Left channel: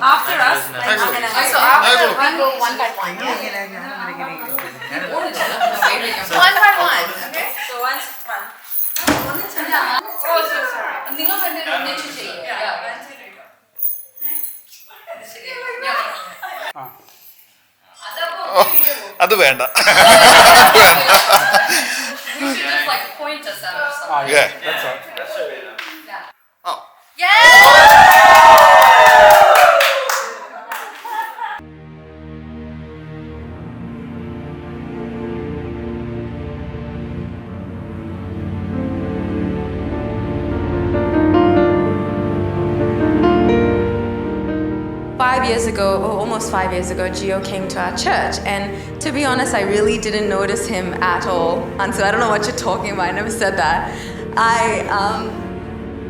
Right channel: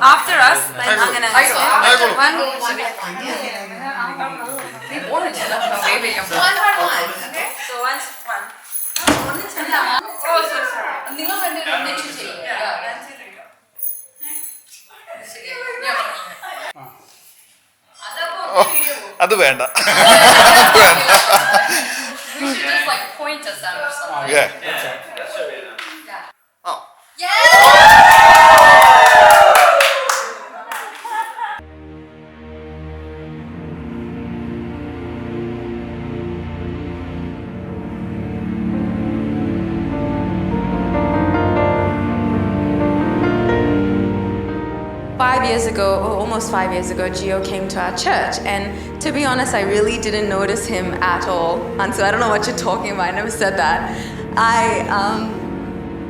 After us, one by one. Okay. So once one. Oh, so sorry. അത് വേണ്ട. You should just like point us out or something. Yeah. That's it. Oh. Almost 5 years ago, Gio came to our church, and to be honest, I really didn't notice him at all. And so I don't know what you're talking about. I never said that.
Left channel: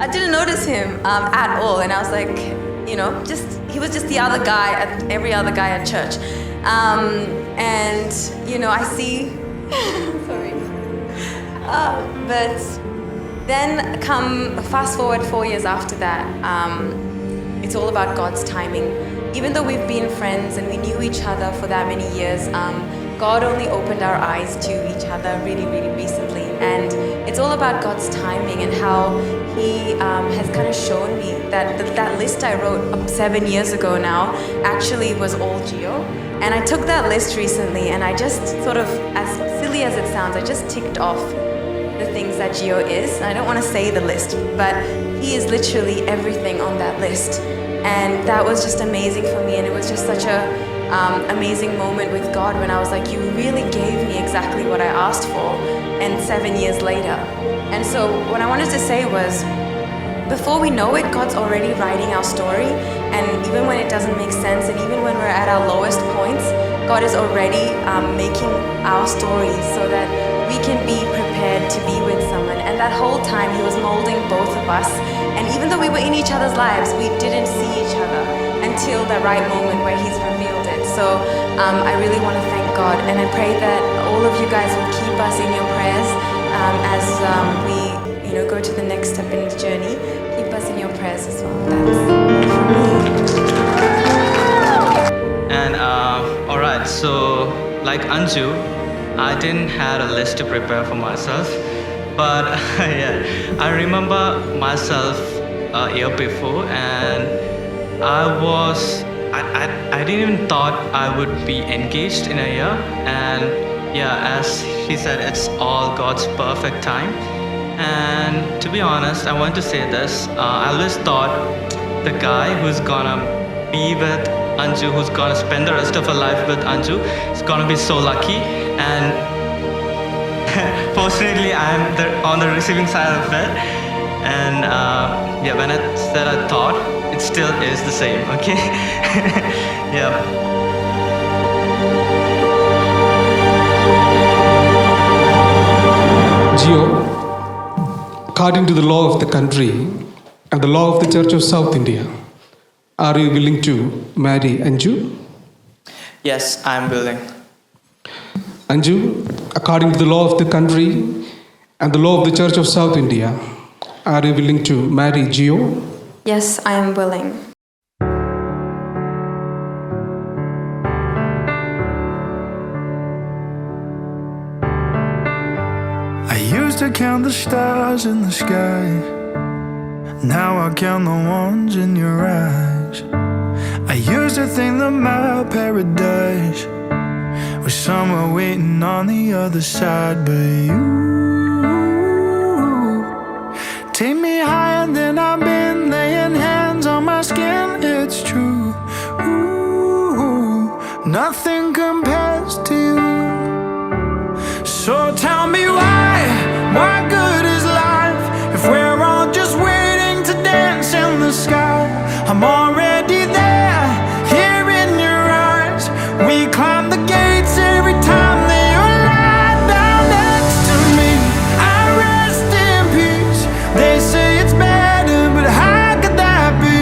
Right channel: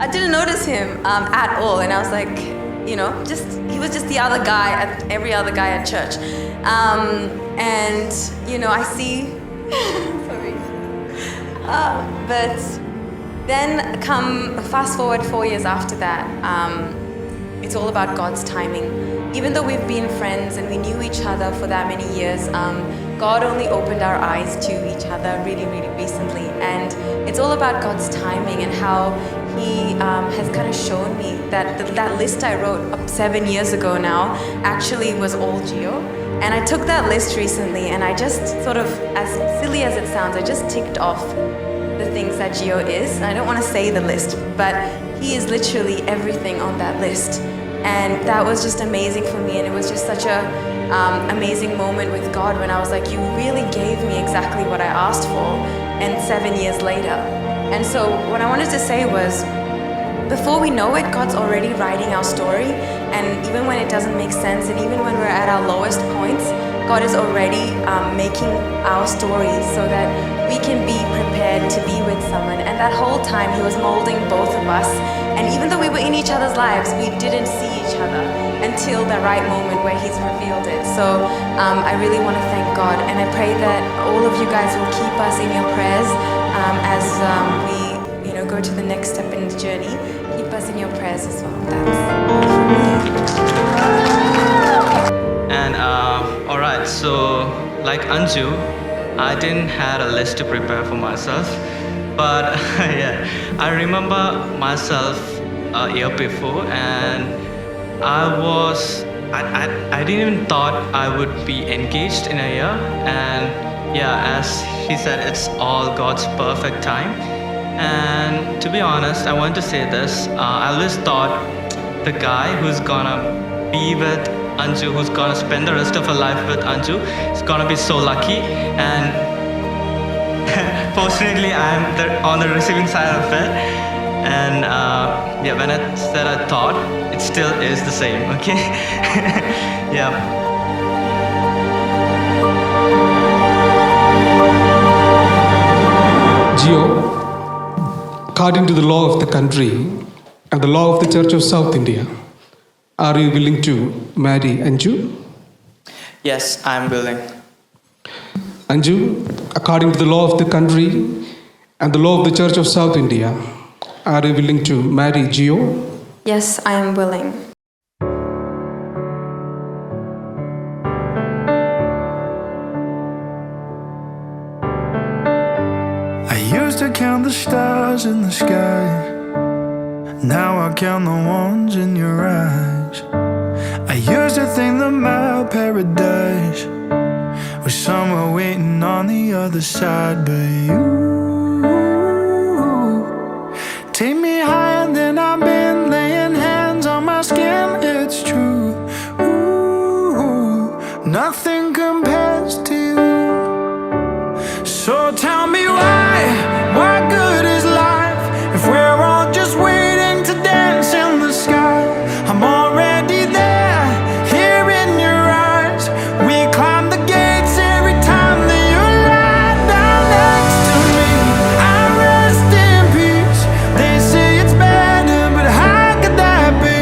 I didn't notice him at all, and I was like, he was just the other guy at every other guy at church, and I see. Sorry, but then fast forward 4 years after that. It's all about God's timing. Even though we've been friends and we knew each other for that many years, God only opened our eyes to each other really, really recently. And it's all about God's timing and how He has kind of shown me that that list I wrote 7 years ago now actually was all Gio. And I took that list recently and I just sort of, as silly as it sounds, I just ticked off the things that Gio is. And I don't want to say the list, but he is literally everything on that list. And that was just amazing for me, and it was just such a amazing moment with God when I was like, you really gave me exactly what I asked for, and 7 years later. And so what I wanted to say was, before we know it, God's already writing our story, and even when it doesn't make sense, and even when we're at our lowest points, God is already making our story so that we can be prepared to be with someone. And that whole time He was molding both of us, and even though we were in each other's lives, we didn't see each other until the right moment where He's revealed it. So I really want to thank God, and I pray that all of you guys will keep us in your prayers as we go to the next step in the journey. Keep us in your prayers as well. That's all from me. And alright, so like Anju, I didn't have a list to prepare for myself, but yeah, I remember myself a year before, and I didn't even thought I would be engaged in a year. And yeah, as he said, it's all God's perfect time. And to be honest, I want to say this, I always thought the guy who's gonna be with Anju, who's gonna spend the rest of her life with Anju, is gonna be so lucky. And fortunately, I'm on the receiving side of it. And yeah, when I said I thought, it still is the same, okay? Yeah. Gio, according to the law of the country and the law of the Church of South India, are you willing to marry Anju? Yes, I'm willing. Anju, according to the law of the country and the law of the Church of South India, are you willing to marry Gio? Yes, I am willing. I used to count the stars in the sky. Now I count the ones in your eyes. I used to think that my paradise was somewhere waiting on the other side, but you take me higher than I've been, laying hands on my skin, it's true. Ooh, nothing compares to you. So tell me why good is life if we're all just waiting to dance in the sky? I'm already there, here in your eyes. We climb the gates every time that you lie down next to me. I rest in peace. They say it's better, but how could that be?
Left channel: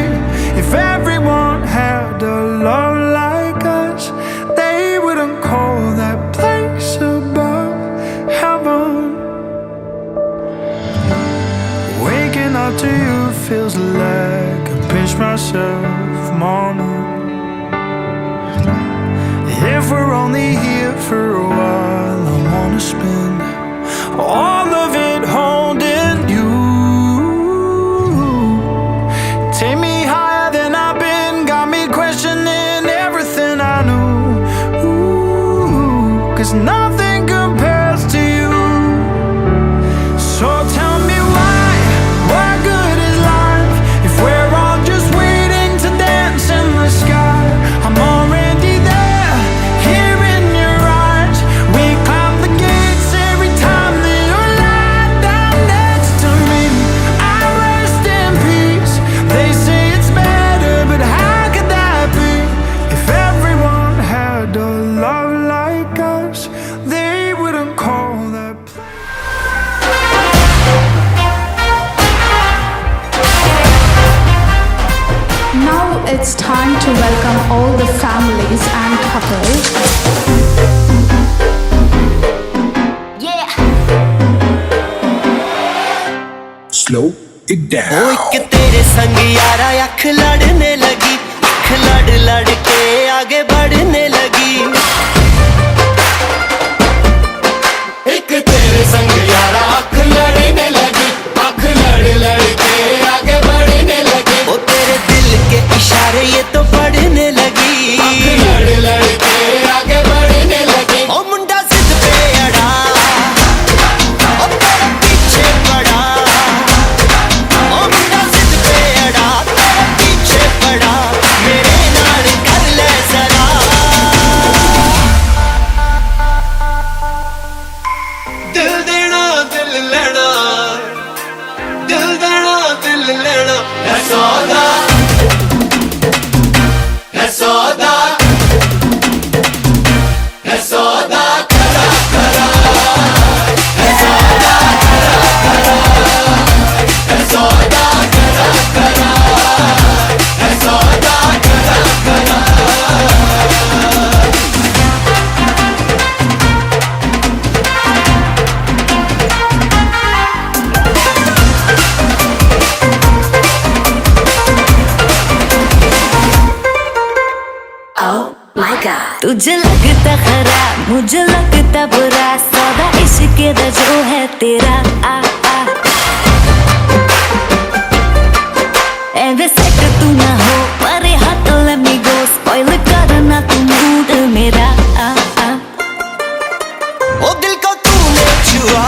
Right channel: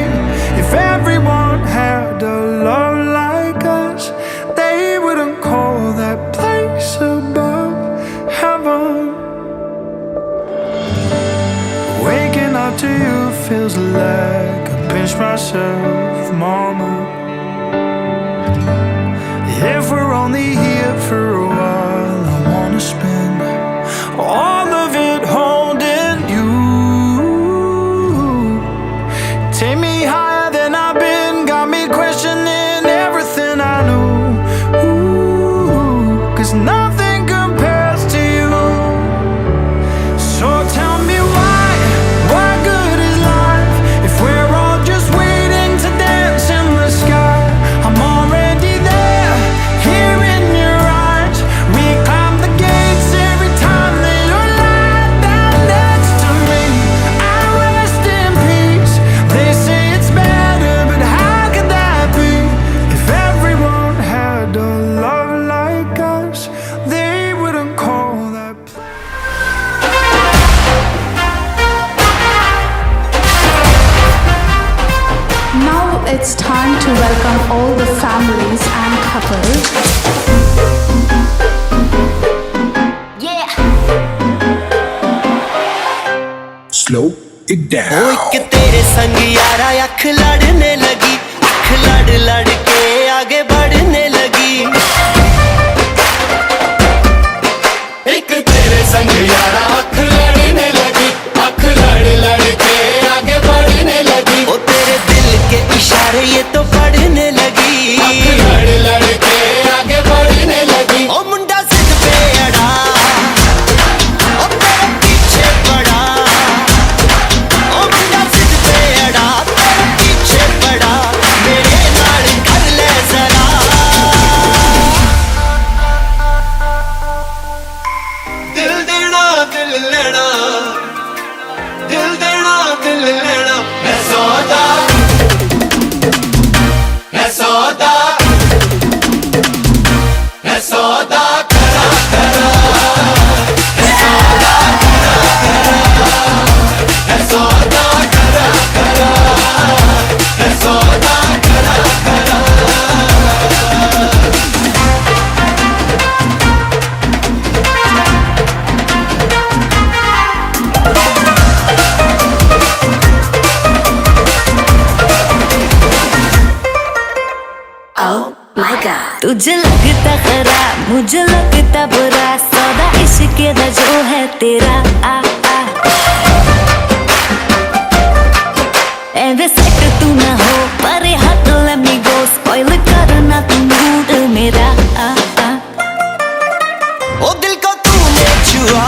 If everyone had a love like us, they wouldn't call that place above heaven. to you feels like I pinch myself, mama. If we're only here for a while, I wanna spend all of it holding you. Take me higher than I've been, got me questioning everything I know. Ooh, 'cause nothing compares to you. So tell me why good is life if we're all just waiting to dance in the sky? I'm already there, here in your eyes. We climb the gates every time that you're lying down next to me. I rest in peace. They say it's better, but how could that be? If everyone had a love like us, they wouldn't call that place. Now it's time to welcome all the families and couples. Yeah. Slow it down. ओ एक तेरे संग यारा अख लड़ने लगी, अख लड़ लड़ के आगे बढ़ने लगी। एक तेरे संग यारा अख लड़ने लगी, अख लड़ लड़ के आगे बढ़ने लगी। ओ तेरे दिल के इशारे ये तो पढ़ने लगी, अख लड़ लड़ के आगे बढ़ने लगी। ओ मुंडा जिद पे अड़ा, ओ तेरे पीछे पड़ा। ओ मुंडा जिद पे अड़ा, तेरे पीछे पड़ा। मेरे नाल कर ले जरा। दिल देना दिल लेना, दिल देना दिल लेना। है सौदा, है सौदा, है सौदा करा करा। है सौदा है सौदा करा करा। है सौदा करा करा। तुझे लगता खराब, मुझे लगता बुरा, सौदा इश्क दा जो है तेरा। आ आ एवे सेट तू ना हो, परे हट let me go, spoil करना तू मूड मेरा। आ आ ओ दिल को तूने छुआ,